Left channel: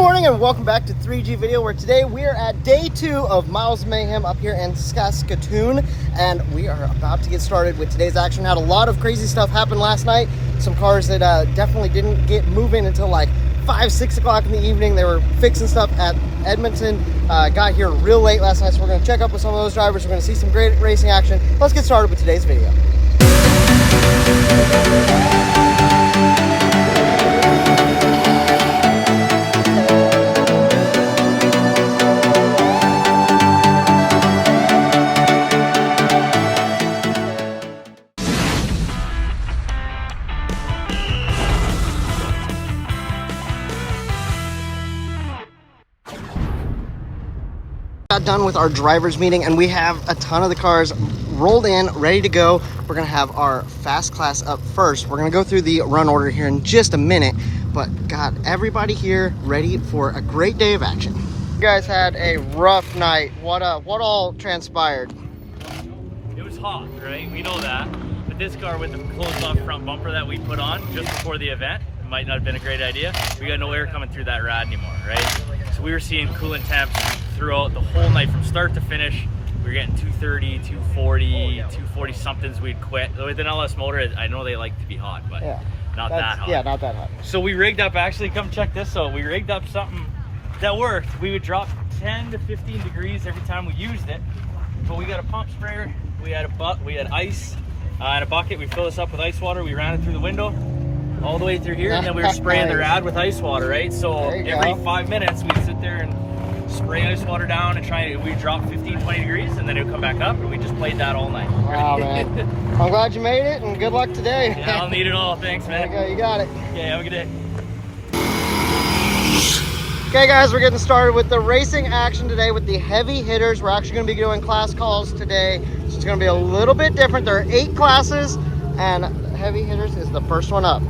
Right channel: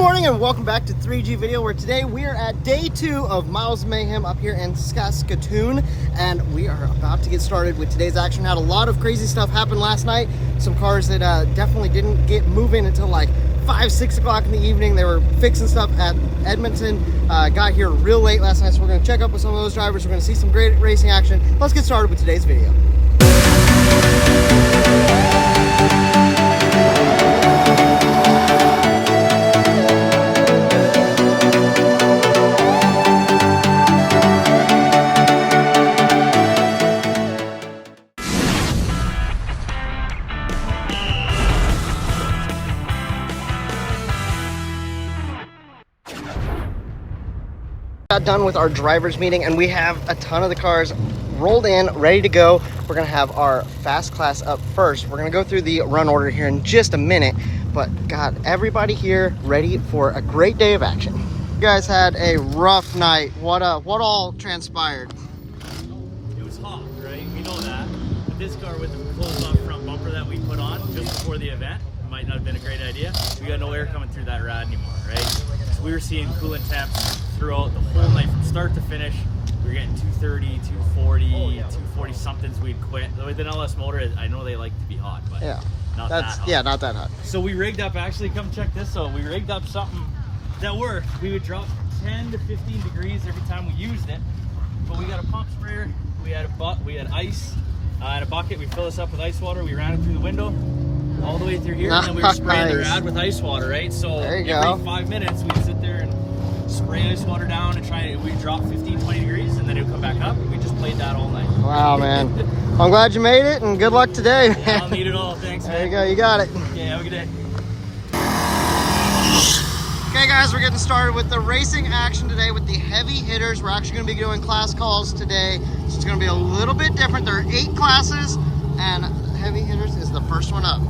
morning and welcome back to 3G Video, where today we are at day 2 of Miles Mayhem up here in Saskatoon, and we are about to get started with today's action. Had a lot of crazy stuff happen last night. Some cars that definitely didn't get moving until like 5-6 o'clock in the evening. They were fixing stuff at Edmonton. Got here real late last night, so we're going to check up with some of those drivers. We're going to see some great racing action. Let's get started with today's video. Got done with our drivers meeting and we have a ton of the cars rolled in, ready to go. We're gonna have our fast class up first. We're gonna go through the run order here in just a minute, but got everybody here ready for a great day of action. You guys had a rough night. What all transpired? It was hot, right? We know that. But this car with the closed off front bumper that we put on just before the event might not have been a great idea. We got no air coming through that rad anymore, right? So we were seeing coolant temps throughout the whole night from start to finish. We were getting 230, 240, 240 somethings. We'd quit. With an LS motor, I know they like to be hot, but yeah, not that hot. Yeah, not that hot. So we rigged up, actually, come check this out. We rigged up something that worked. We would drop 10 to 15 degrees every time we used it. But we got a pump sprayer, we had ice and a bucket. We fill this up with ice water. We ran it through the window all the way through here, and then we were spraying the rad with ice water, right? So every 5 minutes we'd sit there and spray ice water down and we drop 15-20 degrees, and then it would come back up, and we just played that all night. Wow, man. I'm glad you made it, and good luck today, man. Yeah, I'll need it all. Thanks, man. There you go, you got it. Okay, have a good day. Okay guys, we're getting started with the racing action today with the heavy hitters. We're actually going to be doing class calls today, so it's going to be a little bit different. There are 8 classes, and heavy hitters is the first one up.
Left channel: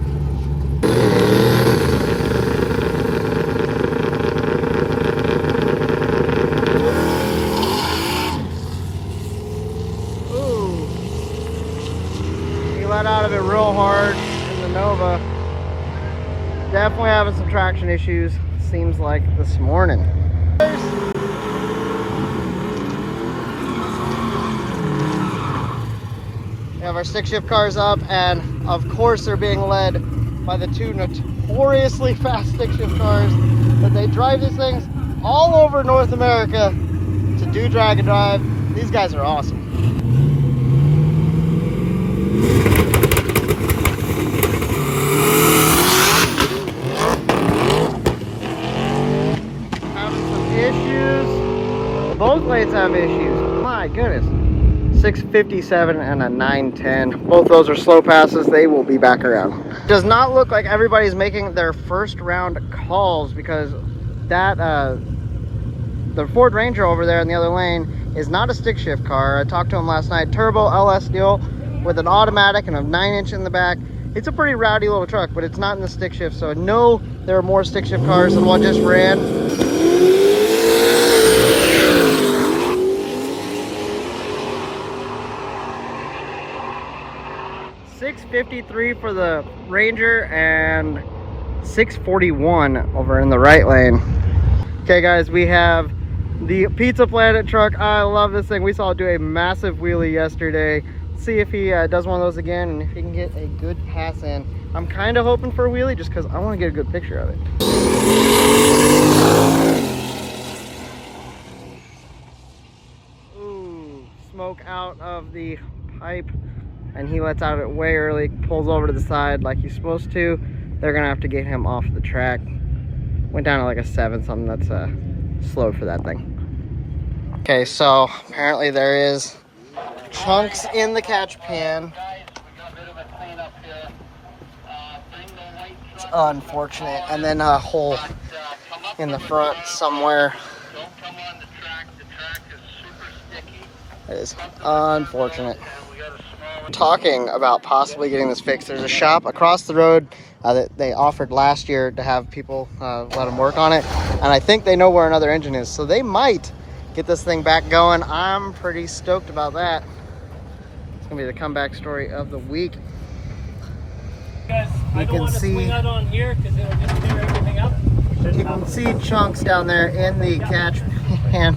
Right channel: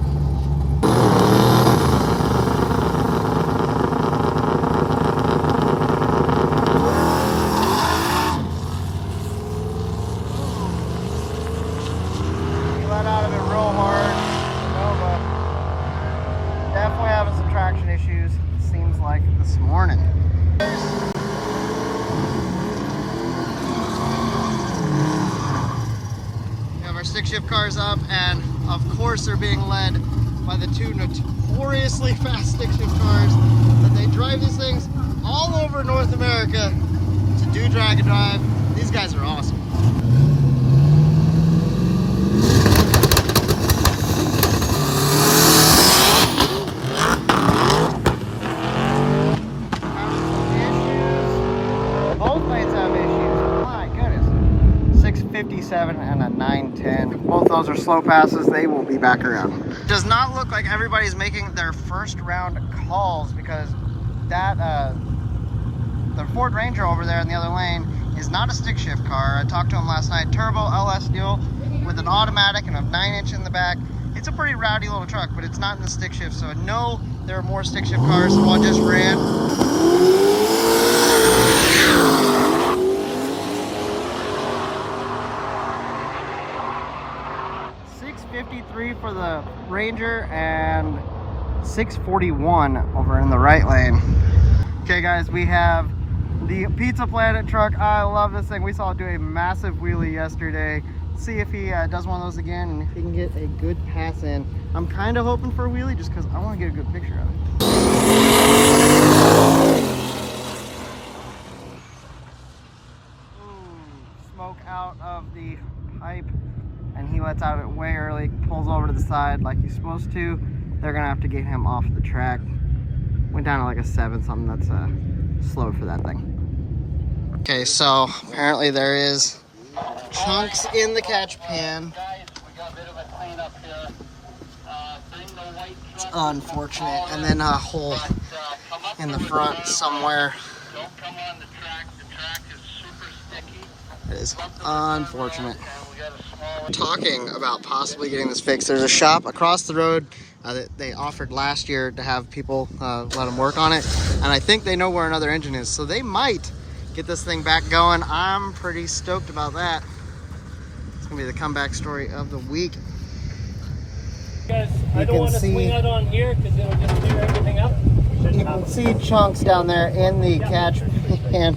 Definitely having some traction issues, seems like, this morning. We have our stick shift cars up, and of course they're being led by the 2 notoriously fast stick shift cars. That they drive these things all over North America to do drag and drive. These guys are awesome. Both blades have issues. My goodness. 657 and a 910. Both those are slow passes. They will be back around. Does not look like everybody's making their first round calls, because that the Ford Ranger over there in the other lane is not a stick shift car. I talked to him last night. Turbo LS deal with an automatic and a 9-inch in the back. It's a pretty rowdy little truck, but it's not in the stick shift, so no, there are more stick shift cars than what just ran. 653 for the Ranger and 641 over in the right lane. Okay guys, we have the Pizza Planet truck. I love this thing. We saw it do a massive wheelie yesterday. See if he does one of those again, and if he can get a good pass in. I'm kind of hoping for a wheelie just because I want to get a good picture of it. Ooh, smoke out of the pipe, and he lets out it way early, pulls over to the side like he's supposed to. They're gonna have to get him off the track. Went down to like a 7 something. That's slow for that thing. Okay, so apparently there is chunks in the catch pan. It's unfortunate. And then a hole in the front somewhere. It is unfortunate. Talking about possibly getting this fixed. There's a shop across the road that they offered last year to have people let them work on it, and I think they know where another engine is, so they might get this thing back going. I'm pretty stoked about that. It's gonna be the comeback story of the week. Guys, I don't want to swing out on here because it'll just tear everything up. You can see chunks down there in the catch pan.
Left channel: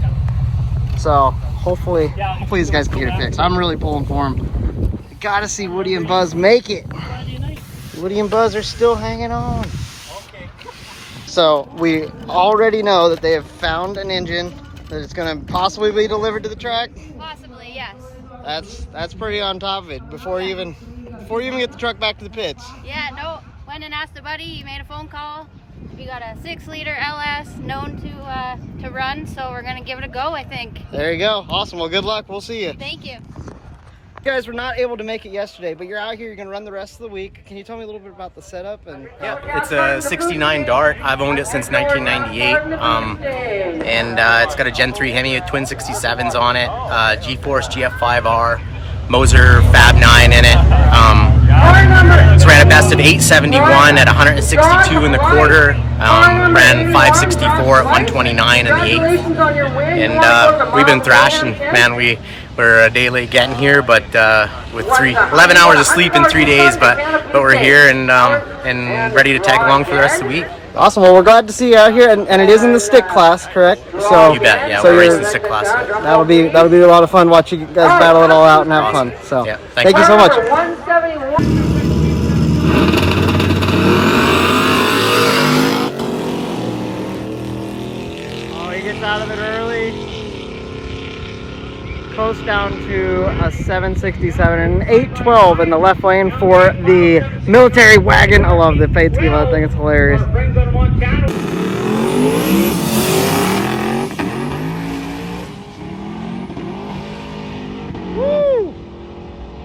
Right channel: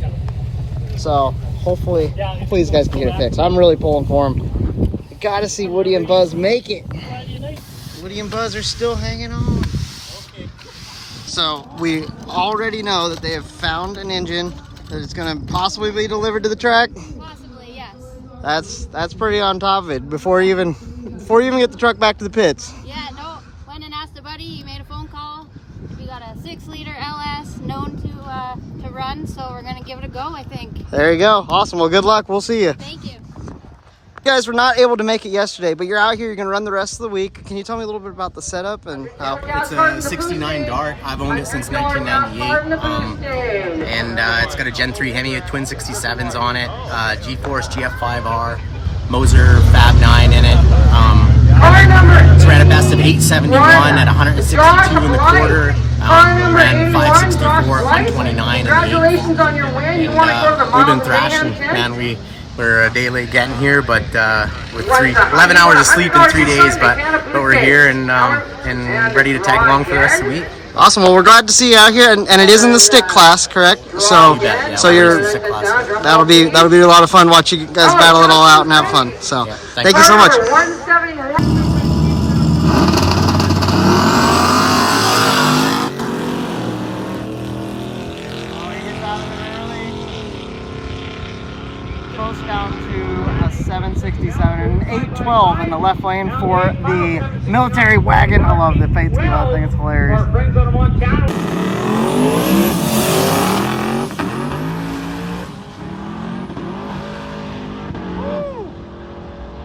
So hopefully these guys can get it fixed. I'm really pulling for them. I gotta see Woody and Buzz make it. Woody and Buzz are still hanging on. So we already know that they have found an engine that is going to possibly be delivered to the track. Possibly, yes. That's pretty on top of it. Before you even get the truck back to the pits. Yeah, no. Went and asked the buddy. He made a phone call. We got a 6-liter LS known to run, so we're gonna give it a go, I think. There you go. Awesome. Well, good luck. We'll see you. Thank you. You guys were not able to make it yesterday, but you're out here. You're going to run the rest of the week. Can you tell me a little bit about the setup? And It's a 69 Dart. I've owned it since 1998. And it's got a Gen 3 Hemi with twin 67s on it, G-Force GF5R, Moser Fab 9 in it. It's ran a best of 871 at 162 in the quarter. Ran 564 at 129 in the 8th. And we've been thrashing, man. We're a day late getting here, but with 11 hours of sleep in 3 days, but we're here and ready to tag along for the rest of the week. Awesome. Well, we're glad to see you out here, and it is in the stick class, correct? So You bet, yeah, so we're racing the stick class. that'll be a lot of fun. Watch you guys battle it all out and have fun. So Yeah, thank you so much. Down to a 767 and an 812 in the left lane for the military wagon. I love the paint scheme on that thing. It's hilarious. Woo!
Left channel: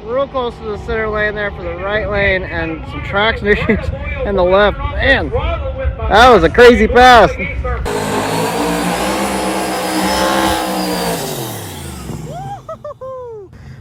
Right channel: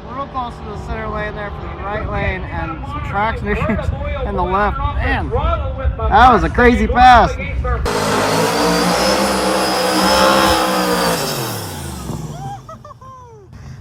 Real close to the center lane there for the right lane, and some traction issues in the left. Man, that was a crazy pass.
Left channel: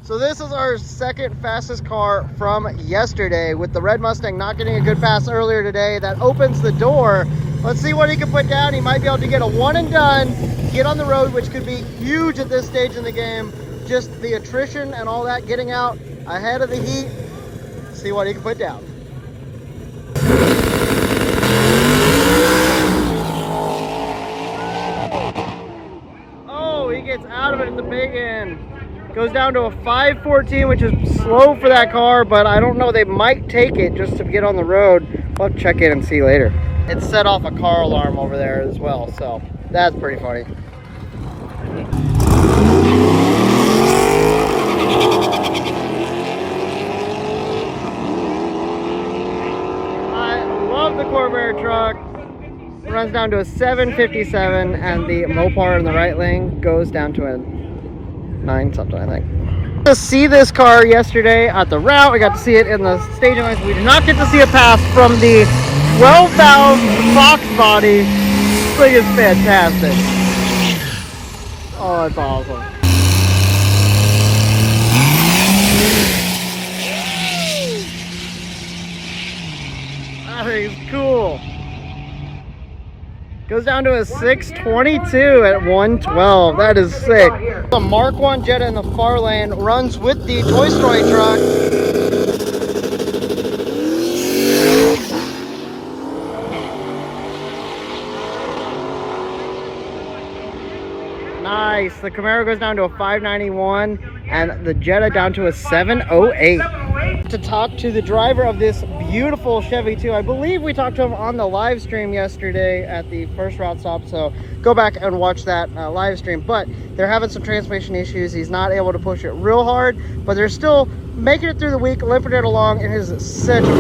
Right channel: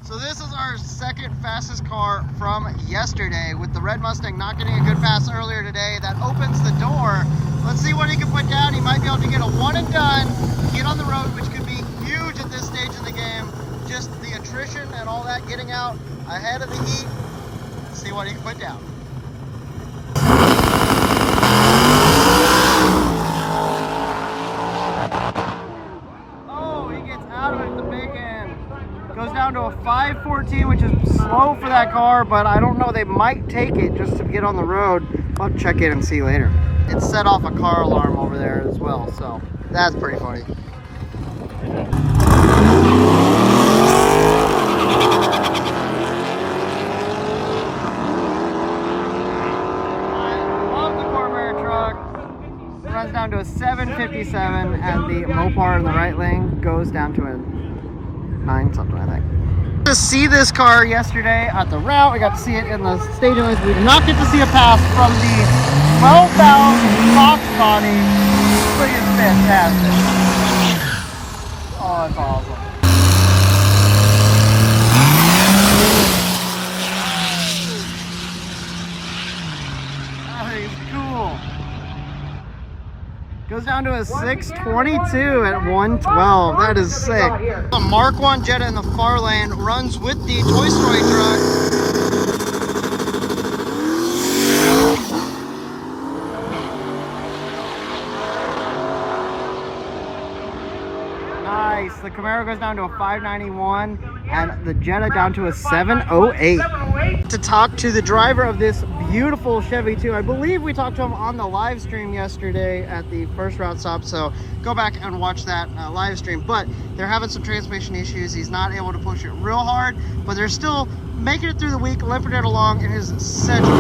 So this is our second fastest car from yesterday, with the red Mustang not getting a good pass earlier today. That opens the door. Let's see what he can put down. He might be able to get a one and done, get on the road, which could be huge at this stage in the game. Just the attrition and all that, getting out ahead of the heat. Let's see what he can put down. Oh, he gets out of it at the big end. Goes down to a 514, which is slow for that car, but I don't know, they might take it just to get on the road. We'll have to check in and see later. It set off a car alarm over there as well, so that's pretty funny. I love the Corvair truck. It runs down to a 757, and the Mopar in the right lane goes down to a 9 something, I think. To see this car yesterday at the route, we got to see it in the staging lines. We did not get to see a pass from the 12-valve box body. This thing is fantastic. Oh, that's awesome. That thing's cool. Goes down to a 622 at 112. That is sick. The Mark 1 Jetta in the far lane runs with the Toy Story truck. Nice. The Camaro goes down to a 591 and the Jetta down to a 708. To talk to the driver of this beautiful Chevy 2. I believe we talked to him on the live stream yesterday at the first route stop, so go back and watch that live stream. But they're having some transmission issues. He's not able to push it real hard, but they're still making it through the week, limping it along. It is such a cool.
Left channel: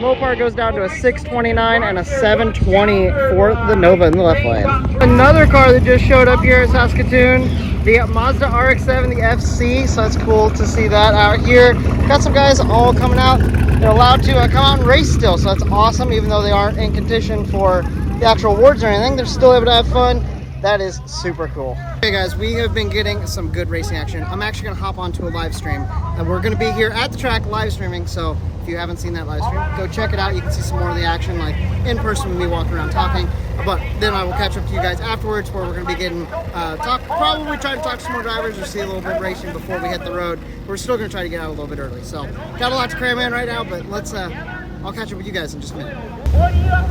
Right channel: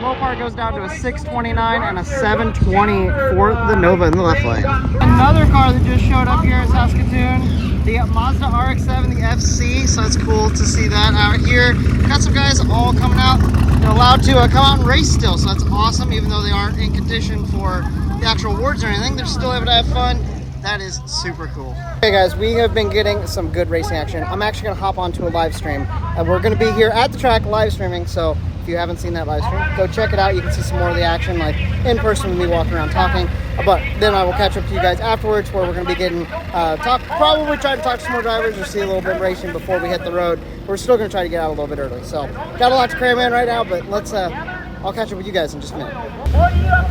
Mopar goes down to a 629 and a 720 for the Nova in the left lane. Another car that just showed up here in Saskatoon, the Mazda RX-7, the FC, so that's cool to see that out here. Got some guys all coming out. They're allowed to come out and race still, so that's awesome. Even though they aren't in contention for the actual awards or anything, they're still able to have fun. That is super cool. Okay guys, we have been getting some good racing action. I'm actually gonna hop onto a live stream and we're gonna be here at the track live streaming, so If you haven't seen that live stream, go check it out. You can see some more of the action, like in person with me walking around talking. But then I will catch up to you guys afterwards, where we're going to be getting probably trying to talk to some more drivers or see a little bit of racing before we hit the road. We're still going to try to get out a little bit early. So got a lot to cram in right now, but let's I'll catch up with you guys in just a minute.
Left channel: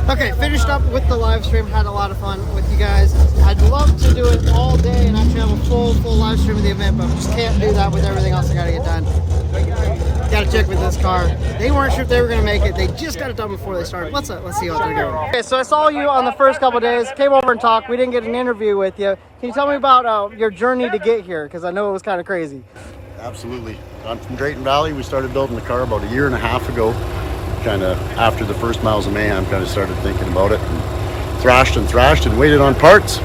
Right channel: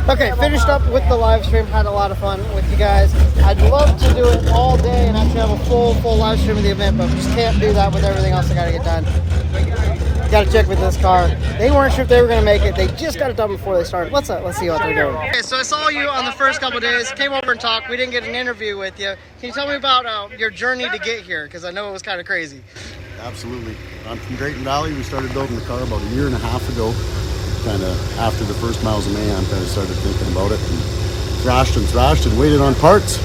Okay, finished up with the live stream. Had a lot of fun with you guys. I'd love to do it all day and actually have a full live stream of the event, but just can't do that with everything else I got to get done. Got to check with this car. They weren't sure if they were going to make it. They just got it done before they started. Let's see what they're doing. Okay, so I saw you on the first couple of days. Came over and talked. We didn't get an interview with you. Can you tell me about your journey to get here? Because I know it was kind of crazy. Absolutely. I'm from Drayton Valley. We started building the car about a year and a half ago. Kind of after the first miles of mayhem, kind of started thinking about it and thrashed and waited on parts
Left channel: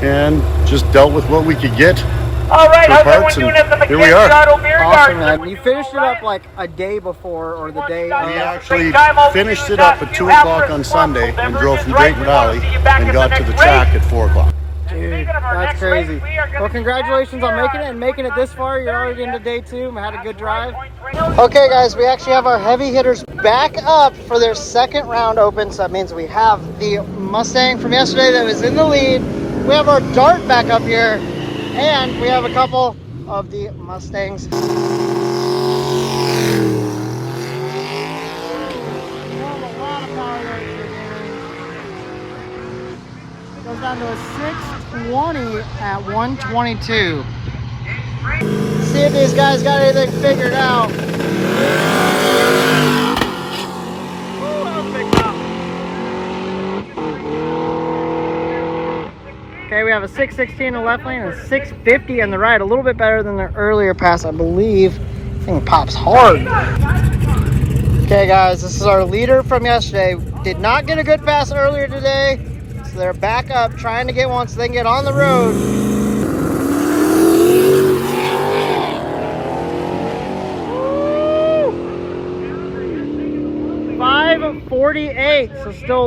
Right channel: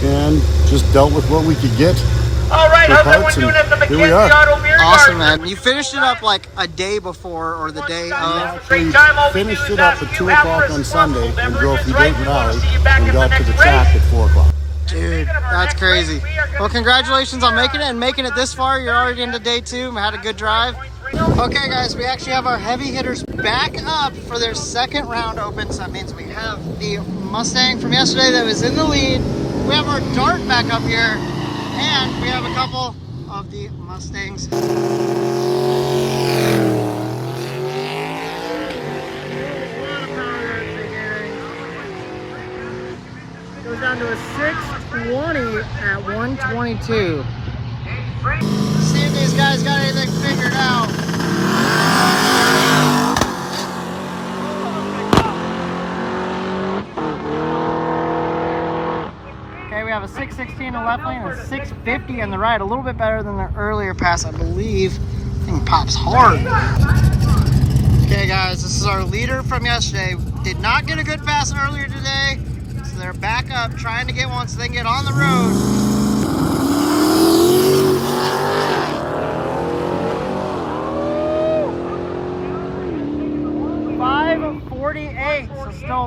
and just dealt with what we could get for parts, and here we are. Awesome, man. You finished it up like a day before, or the day of? We actually finished it up at 2 o'clock on Sunday and drove from Drayton Valley and got to the track at 4 o'clock. Dude, that's crazy. Well, congratulations on making it and making it this far. You're already into day 2. Had a good drive. Okay, guys, we actually have our heavy hitters back up for their second round open. So that means we have the Mustang from yesterday that was in the lead. We have our Dart back up here, and we have a couple of the Mustangs. Goes down to a 620 at 122. See if these guys got anything figured out. Okay, we have a 616 in the left lane and 650 in the right. A little bit better than the earlier pass, I believe. Thing pops hard. Okay, guys, this is our leader from yesterday. Did not get a good pass earlier today, so they're back up trying to get one so they can get on the road. 548, so still a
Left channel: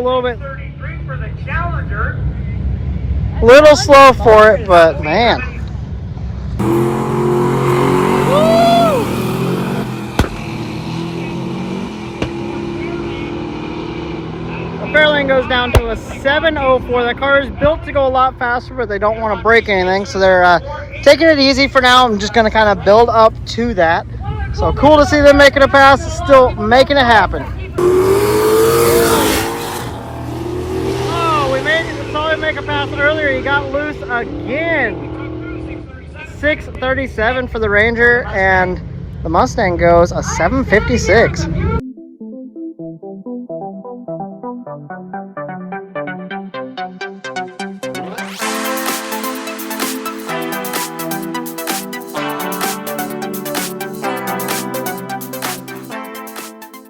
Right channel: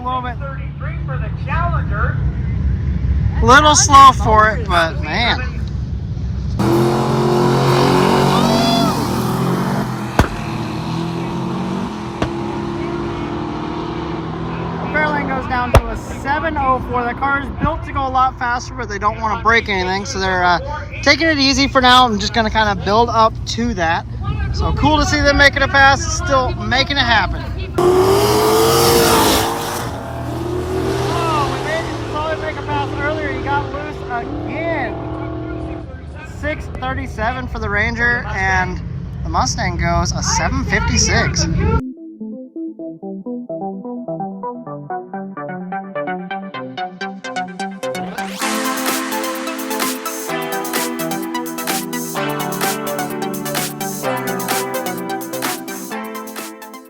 little slow for it, but man. Fairlane goes down to a 704. The car is built to go a lot faster, but they don't want to break anything, so they're taking it easy for now. I'm just going to kind of build up to that. So cool to see them making a pass, still making it happen. Oh, we saw him make a pass earlier. He got loose again. 637 for the Ranger, and the Mustang goes a 756.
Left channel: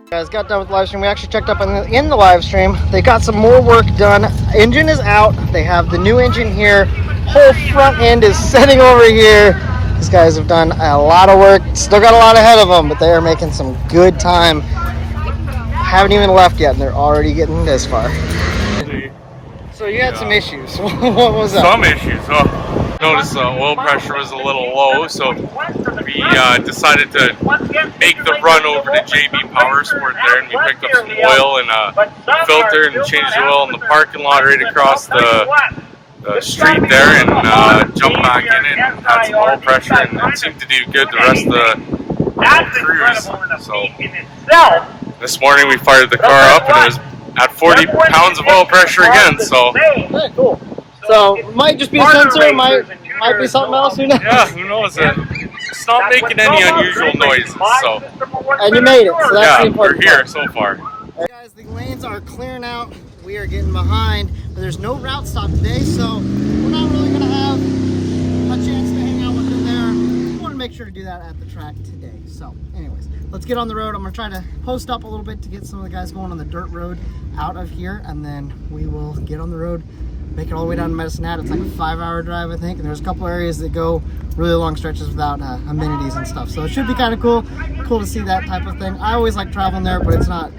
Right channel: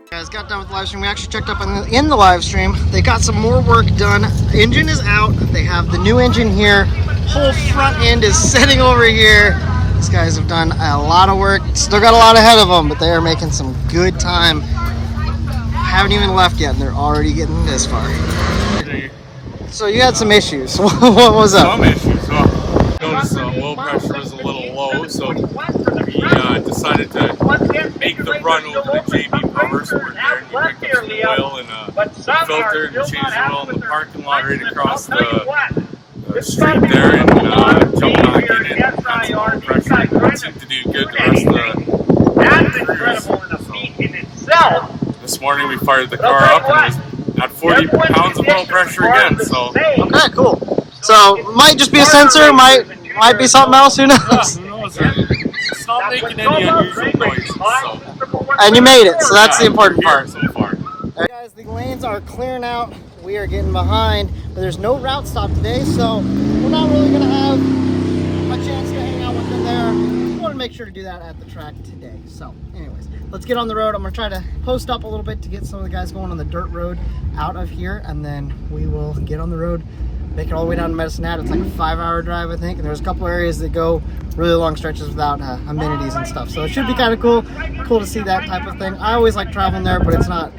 Guys, got done with the live stream. We actually checked up in the live stream. They got some more work done. Engine is out. They have the new engine here. Whole front end is sitting over here. These guys have done a lot of work. Still got a lot ahead of them, but they are making some good time. Haven't even left yet, and they're already getting this far. So you had some issues. What was up? Some issues. Noticed the oil pressure was a little low, so we decided to make the run over to JB Power Sport there, and we picked up some oil and a filter and changed the oil in the parking lot right across the street there, and jumped back in it and had some oil pressure, and it seemed to do good the rest of the cruise. So this morning we fired the car up and it was at 40 pounds of oil pressure again. So okay, cool. So might just be a sensor, might be something else. Who knows? Yeah, who knows? It's not making any unusual noises. So and you made it, so that's the important we're here part. so far. Right, guys, the lanes are clearing out. We are getting behind, but there's no route stop today, so we're not really gonna have a chance to hang out with them there. We want to make sure to do that at the track today. So anyways, let's get on the road. I'm gonna try to post up a little bit to get some of the guys going on the dirt road out of here, and then we will get on the road, make it all the way down to Medicine Hat. It's like a 5-hour drive, I think, and there's a couple areas that go really long stretches without amenities and stuff, so it should be kind of cool to see that type of thing. I always like traveling there, but it's not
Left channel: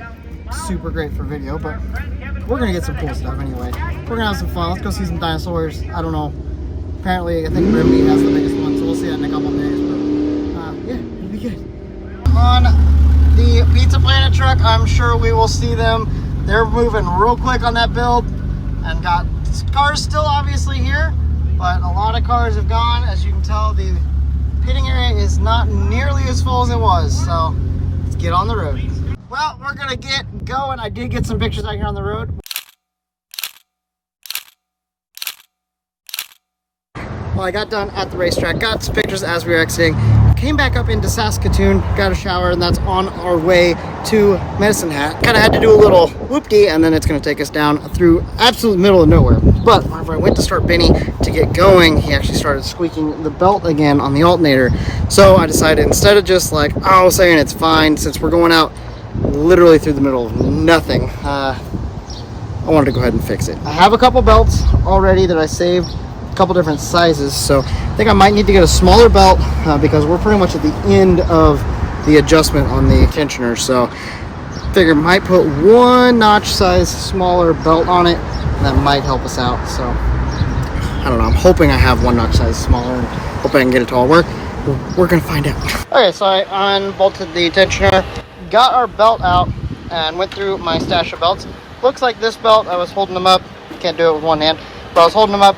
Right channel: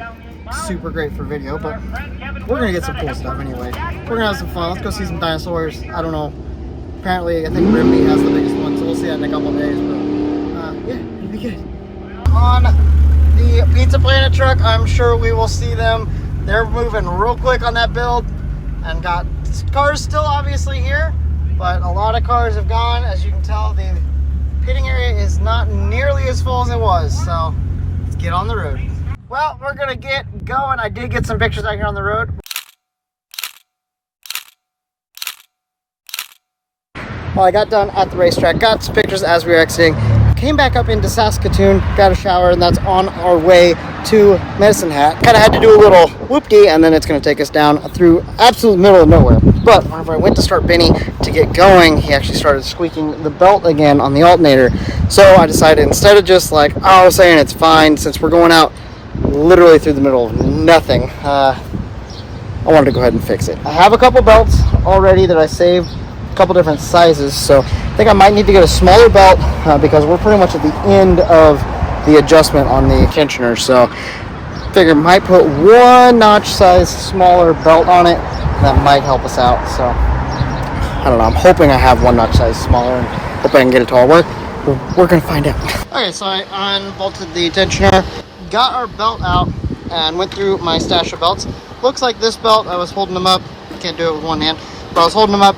super great for video, but we're gonna get some cool stuff anyway. We're gonna have some fun. Let's go see some dinosaurs. I don't know, apparently I think Grimby has the biggest one, so we'll see that in a couple of days, but yeah, it'll be good. Come on the Pizza Planet truck, I'm sure we will see them. They're moving real quick on that build, and got cars still obviously here, but a lot of cars have gone. As you can tell, the pitting area is not nearly as full as it was, so let's get on the road. Well, we're gonna get going. I did get some pictures out here on the road. Well, I got done at the racetrack, got some pictures as we were exiting, came back up into Saskatoon, got a shower, and that's on our way to Medicine Hat. Kind of had to do a little whoop-dee, and then it's going to take us down through absolute middle of nowhere. But whenever I went to start Benny to get going, he actually started squeaking the belt again on the alternator. So I decided, instead of just like, oh, saying it's fine, since we're going out literally through the middle of nothing, I wanted to go ahead and fix it. I have a couple belts already that I saved, a couple different sizes, so I think I might need to get a smaller belt because we're pretty much at the end of the adjustment on the tensioner. So figure might put one notch size smaller belt on it. That might help us out. So I don't know, I'm hoping I have one notch size smaller and hope I can get it to all work. We're gonna find out. Okay, so I unbolted the tensioner, got our belt out, and went through my stash of belts. Looks like this belt, I was holding them up, can't do it with one hand, but I was holding them up.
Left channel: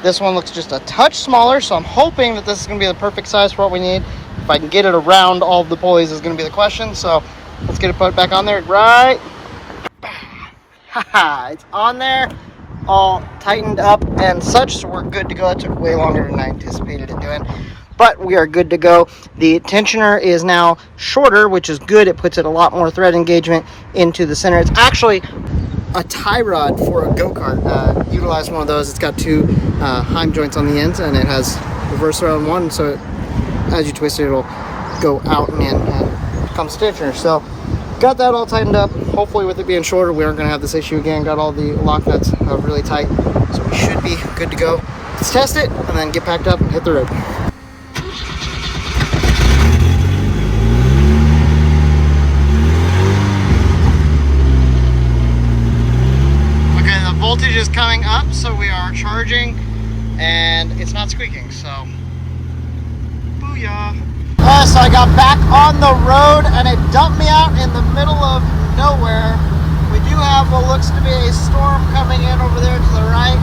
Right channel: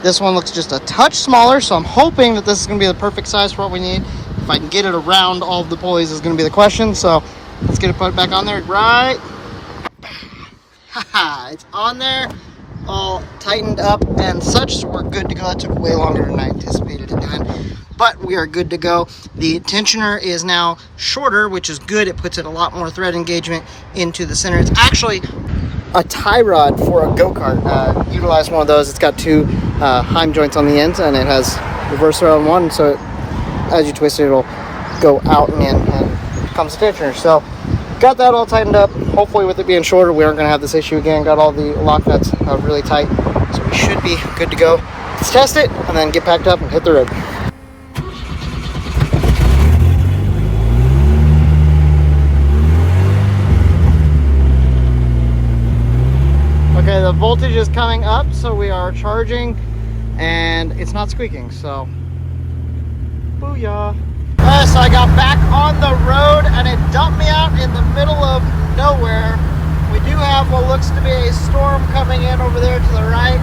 This one looks just a touch smaller, so I'm hoping that this is going to be the perfect size for what we need. If I can get it around all of the pulleys is going to be the question, so let's get it put back on there. Right. Haha, it's on there, all tightened up and such, so we're good to go. It took way longer than I anticipated it doing, but we are good to go. The tensioner is now shorter, which is good. It puts it a lot more thread engagement into the center. It's actually a tie rod for a go-kart. Utilize one of those. It's got two Heim joints on the ends, and it has reverse thread on one, so as you twist it, it'll go out and in, and comes the tensioner. So got that all tightened up. Hopefully with it being shorter, we aren't going to have this issue again. Got all the lock nuts really tight, so we should be good to go. Let's test it and then get packed up and hit the road. Okay, the voltage is coming up, so we are charging, and it's not squeaking, so booyah. So I got back on the road, and it dumped me out in the middle of nowhere. We do have what looks to be a storm coming in over there to the right.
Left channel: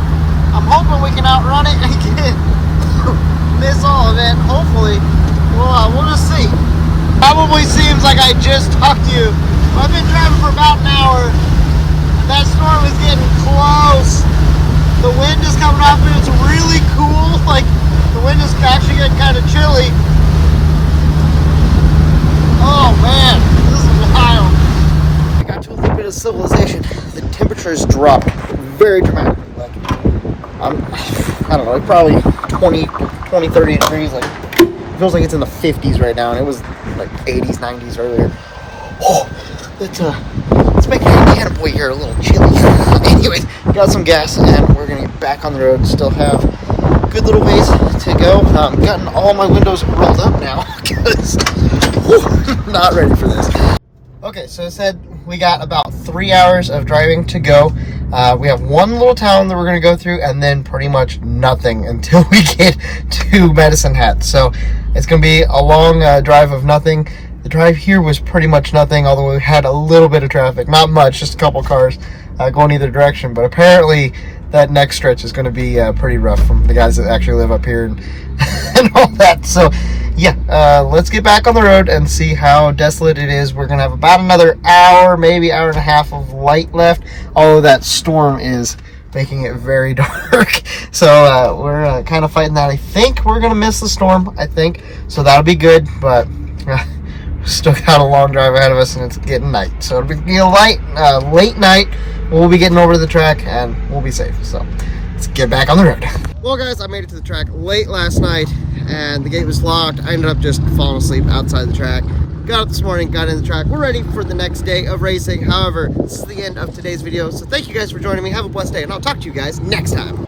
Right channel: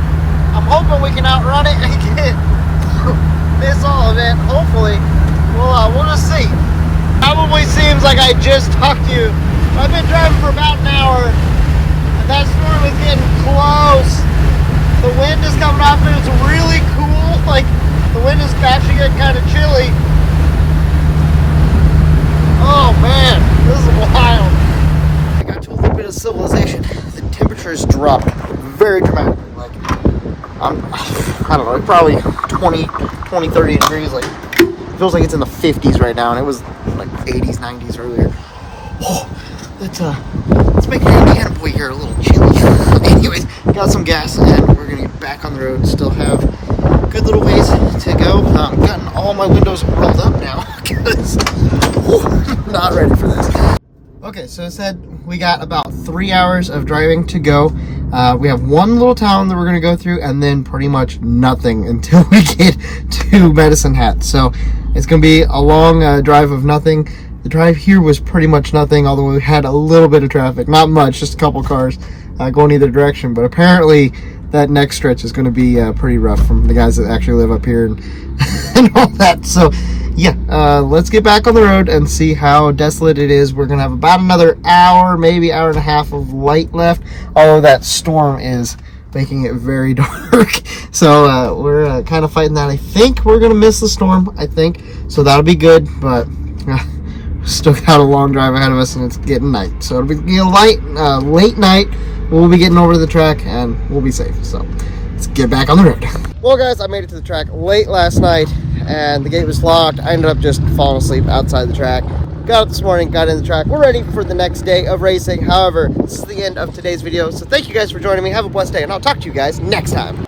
I'm hoping we can outrun it and get miss all of it. Hopefully, we'll just see. Probably seems like I just talked to you. I've been driving for about an hour. That storm is getting close. The wind is coming up and it's really cool. Like, the wind is actually getting kind of chilly. Oh man, this is wild. I got to a little bit of civilization. The temperatures dropped very dramatically. Like, I don't know, probably 20, 30 degrees. Like, it feels like it's in the 50s right now, and it was like 80s, 90s earlier. Oh, let's make Hannah boy here a little chilly. Anyways, got some gas and we're gonna get back on the road. Still have a good little ways to go. Gotten all my windows rolled up now because not ready for this. Okay, so it said we got about 3 hours of driving to go. We have one little town that we're gonna go through, and then pretty much nothing until we get to Medicine Hat. So it's gonna be a long drive of nothing. The drive here was pretty much nothing, although we had a little bit of traffic. Not much, just a couple cars going either direction. But apparently that next stretch is going to be pretty rough from the guys that actually live up here and, and all that. So yeah, let's get back on the road and see how desolate it is. We're going to have about another hour, maybe hour and a half of light left. Although that storm is making it very dark. So we're kind of fighting that. I think we're going to miss the storm, I think. So that'll be good, but still got a long drive ahead of us, and it's getting night, so it'll be a late night. We'll be getting over to the track and we'll be safe, so let's get back on the road. Well guys, I made it to the track late last night and the gate was locked. I ended up just falling asleep outside the track. Got up this morning, got in the track. We're ready for the next day of racing. However, this is the end of today's video, so thank you guys for joining me. Have a blessed day, and I'll talk to you guys next time.